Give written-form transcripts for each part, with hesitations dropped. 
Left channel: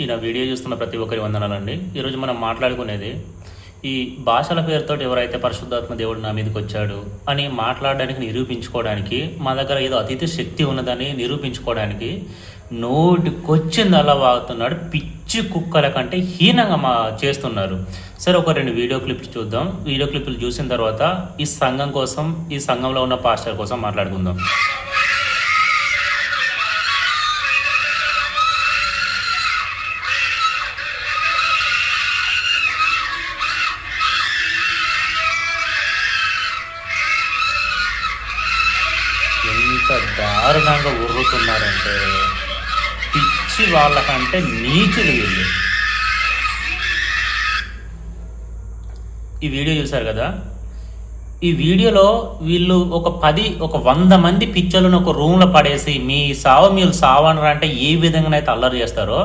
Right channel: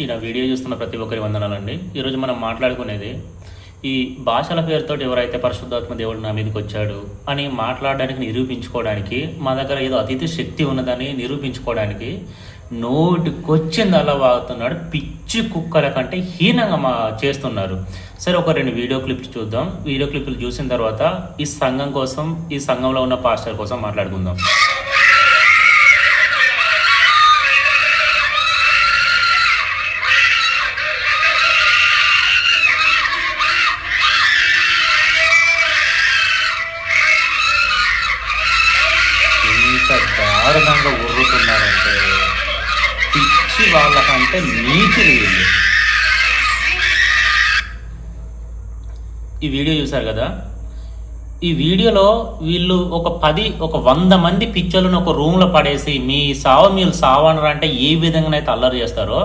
ఈ నా వీడియో చూస్తున్న ప్రతి ఒక్కరి వందనాలండి. ఈరోజు మనం మాట్లాడుకునేది ఈ భాషల పేరుతోటి ఎవరైతే పరిశుద్ధాత్మ దేవుడు నా మీదకి వచ్చాడు అని మాట్లాడడానికి నిరూపించుకోవడానికి మా దగ్గర ఏదో అతీత శక్తి ఉన్నదని నిరూపించుకోవడానికి నోటికొచ్చింది అలా వాగుతున్నాడు. పిచ్చి కుక్కల కంటే హీనంగా చేస్తున్నారు. సరే, ఒక 2 వీడియో క్లిప్స్ చూద్దాం. వీడియో క్లిప్లు చూసిన తర్వాత ఈ సంఘం కోసం, ఈ సంఘంలో ఉన్న పాస్టర్ కోసం మాట్లాడుకుందాం. ఎంత దారుణంగా ఉర్రుతున్నారంటే పిచ్చి వాళ్ళకంటే నీచులు వీళ్ళు. ఈ వీడియో చూశారు కదా. ఈ వీడియోలో వీళ్ళు ఒక 100 మంది పిచ్చలను ఒక రూమ్లో పడేసి మీ సావు మీరు సావనరా అంటే ఏ విధంగానైతే అల్లరి చేస్తారో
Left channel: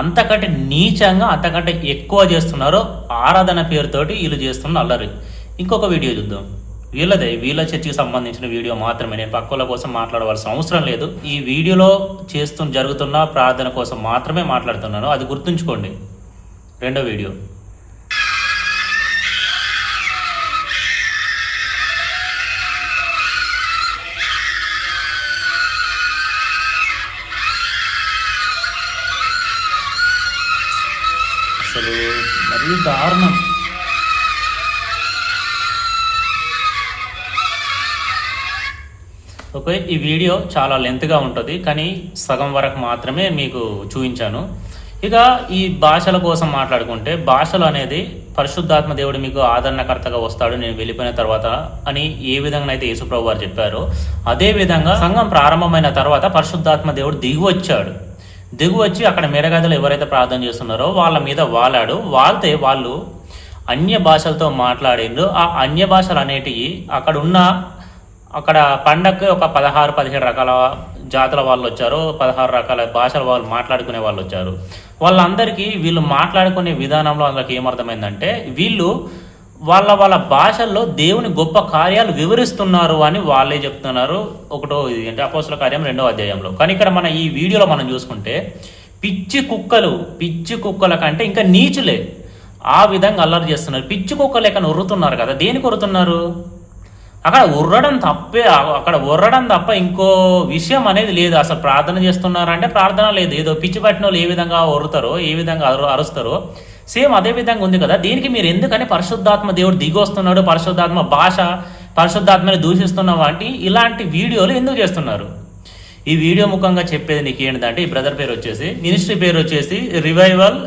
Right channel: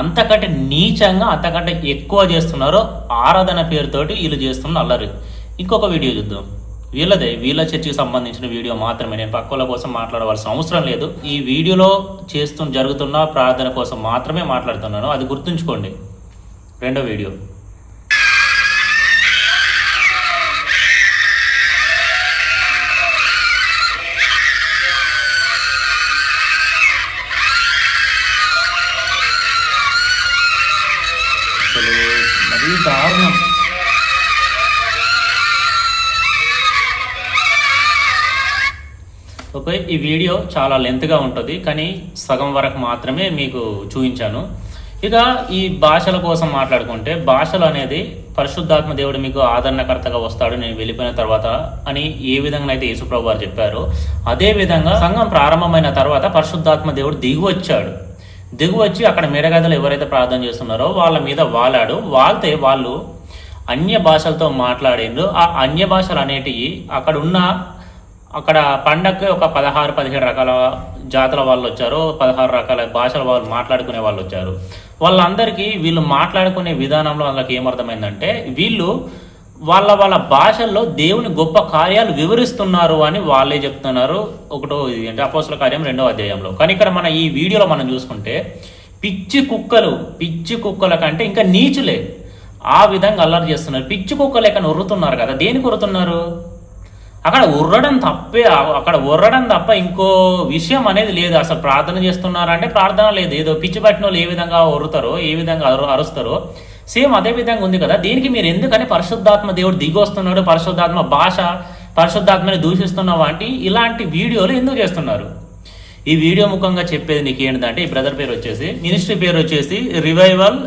అంతకంటే నీచంగా, అంతకంటే ఎక్కువ చేస్తున్నారో ఆరాధన పేరుతోటి వీళ్ళు చేస్తున్న అల్లరి. ఇంకొక వీడియో చూద్దాం. వీళ్ళ చర్చికి సంబంధించిన వీడియో మాత్రమే. నేను పక్కల కోసం మాట్లాడవలసిన అవసరం లేదు. ఈ వీడియోలో జరుగుతున్న ప్రార్థన కోసం మాత్రమే మాట్లాడుతున్నాను, అది గుర్తుంచుకోండి. రెండో వీడియో. అసలు మరీ దారుణం. ఓకే, ఈ వీడియో చాలా లెంత్గా ఉంటుంది, కానీ సగం వరకు మాత్రమే మీకు చూపించాను. ఇక ఈ భాషల కోసం మాట్లాడుకుంటే, భాషలు అనేది పరిశుద్ధాత్మ దేవుడు మీకు ఆదరణకర్తగా వస్తాడు నేను వెళ్ళిపోయిన తర్వాత అని ఏ విధంగా అయితే యేసుప్రభు వారు చెప్పారో, అదే విధంగా సంఘం ప్రారంభమైన తర్వాత పరిశుద్ధాత్మ దేవుడు దిగు వచ్చి అక్కడ మెరగదలు ఎవరైతే ప్రార్థన చేస్తున్నారో వాళ్ళ మీద వాళ్తే వాళ్ళు అన్య భాషలతో మాట్లాడిండ్రు. ఆ అన్య భాషలు అనేటివి అక్కడ పండగకి ఒక 16-17 రకాల జాతుల వాళ్ళు వచ్చారు, 16 రకాల భాషల వాళ్ళు మాట్లాడుకునే వాళ్ళు వచ్చారు. వాళ్ళందరికీ వీళ్ళు మాట్లాడుకునే విధానంలో వాళ్ళకి ఏమర్థమైందంటే వీళ్ళు వాళ్ళ భాషల్లో దేవుని గొప్ప కార్యాలు వివరిస్తున్నారు అని వాళ్ళే చెప్తున్నారు. ఒకటో ఇది అంటే అపోస్తల కార్యం 2వ అధ్యాయంలో. కానీ ఇక్కడ మన ఈ వీడియోలో మనం చూసుకుంటే పిచ్చి కుక్కల కంటే ఇంకా నీచులే ఆ విధంగా అల్లరి చేస్తున్నారు. పిచ్చి కుక్కలు ఎక్కడ ఉర్రుతున్నారు కదా. దేనికి ఉర్రుతున్నారు? అక్కడ ఉర్రడం తప్ప ఇంకో విషయం అనేది లేదు. అసలు ప్రార్థన చేస్తున్నారంటే ప్రార్థన లేదు. ఏదో పిచ్చి పట్టిన వాళ్ళు ఏ విధంగా ఉర్రుతారో, ఏ విధంగా అరుస్తారో సేమ్ అదే విధంగా ఉంది కదా. దీనికి మీరు ఎందుకని పరిశుద్ధాత్మ దేవుడు దిగి వస్తున్నాడు, పరిశుద్ధాత్మ భాష, పరిశుద్ధాత్మని దూషిస్తున్న వాటి ఇలాంటి వీడియోలు ఎందుకు చేస్తున్నారు? ఈ వీడియో ముఖంగా చెప్పేది నీకు ఏంటంటే, ఈ బ్రదర్ పేరు వచ్చేసి, మినిస్ట్రీ పేరు వచ్చేసి రివైవల్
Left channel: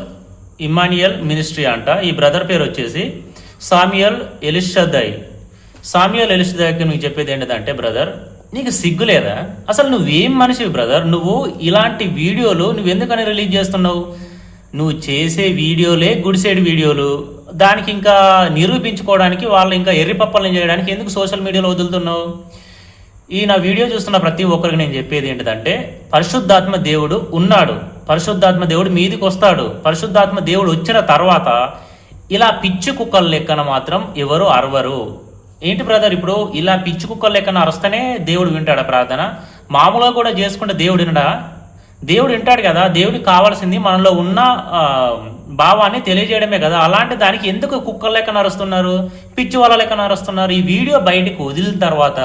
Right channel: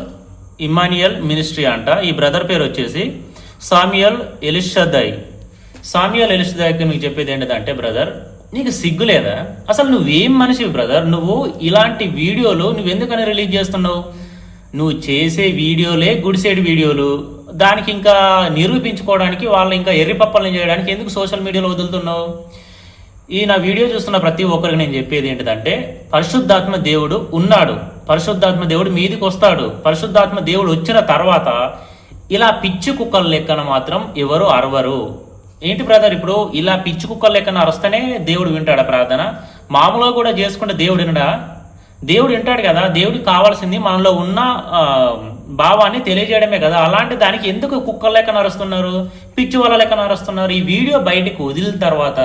ఇమ్మాన్యుయల్ మినిస్ట్రీ అంట. ఈ బ్రదర్ పేరు వచ్చేసి సామ్యుయల్ ఎలిషదై. మీకు చెప్పేది ఏంటంటే, బ్రదర్ నీకు సిగ్గు లేదా? అసలు నువ్వేం మనిషివి బ్రదర్? నువ్వు ఇలాంటి వీడియోలు నువ్వెందుకని రిలీజ్ చేస్తున్నావు? నువ్వు చేసే వీడియోలే గుడిసేడు వీడియోలు. దానికి ఇంకా నిరూపించుకోవడానికి వాళ్ళు ఇంకా ఎర్రిపప్పలను చేయడానికి ఎందుకు సోషల్ మీడియాలో వదులుతున్నావు? ఈ నా వీడియో చూస్తున్న ప్రతి ఒక్కరికి నేను చెప్పేది ఏంటంటే, పరిశుద్ధాత్మ దేవుడు ఉన్నాడు, పరిశుద్ధాత్మ దేవుడు మీదికి వస్తాడు. పరిశుద్ధాత్మ దేవుడు వచ్చిన తర్వాత ఇలా పిచ్చి కుక్కల లెక్కన మాత్రం ఎవరు అరవరు. ఏంటి బ్రదర్, ఇప్పుడు ఇలా పిచ్చి కుక్కల లెక్కన అరుస్తేనే దేవుడు వింటాడా ప్రార్థన? మామూలుగా కూడా చేసుకుంటే దేవుడు వినడా? దేవుడు వింటాడు కదా. దేవుడికి కావాల్సింది మనలో ఉన్న భావాన్ని తెలియజేయడమే కదా. అలాంటి దానికి ఎందుకు కుక్కల లెక్కన అరుస్తున్నారు, పిచ్చి వాళ్ళ లెక్కన అరుస్తున్నారు? ఈ వీడియో బయటకు వదిలిన తర్వాత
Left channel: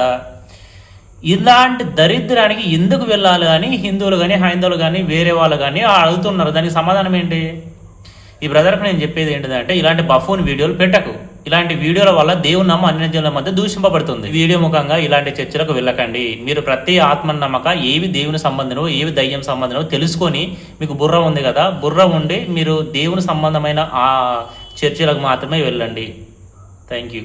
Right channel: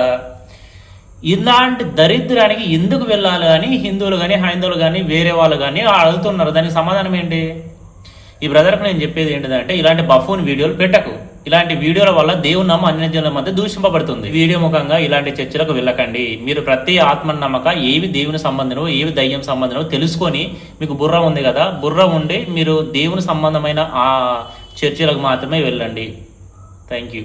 ఇలాంటి దరిద్రానికి ఎందుకు వెళ్ళాలి అని హిందువులు కానీ, హైందవులు కానీ, వేరే వాళ్ళు కానీ అడుగుతున్నారు. దానికి సమాధానం ఏంటి? ఈ బ్రదర్కి నేను చెప్పేది ఏంటంటే, ఇలాంటి బఫూన్ వీడియోలు పెట్టకు. ఇలాంటి వీడియోల వల్ల దేవుని నమ్మ అన్యజనుల మధ్య దూషింపబడుతుంది. వీడియో ముఖంగా ఇలాంటి చర్చలకు వెళ్ళకండి. మీరు ప్రతి ఆత్మ నమ్మక ఏవి దేవుని సంబంధమో, ఏవి దయ్యం సంబంధమో తెలుసుకొని, మీకు బుర్ర ఉంది కదా, బుర్ర ఉండి మీరు దేవుని సంబంధమైన ఆ చర్చలకు మాత్రమే వెళ్ళండి. Thank you.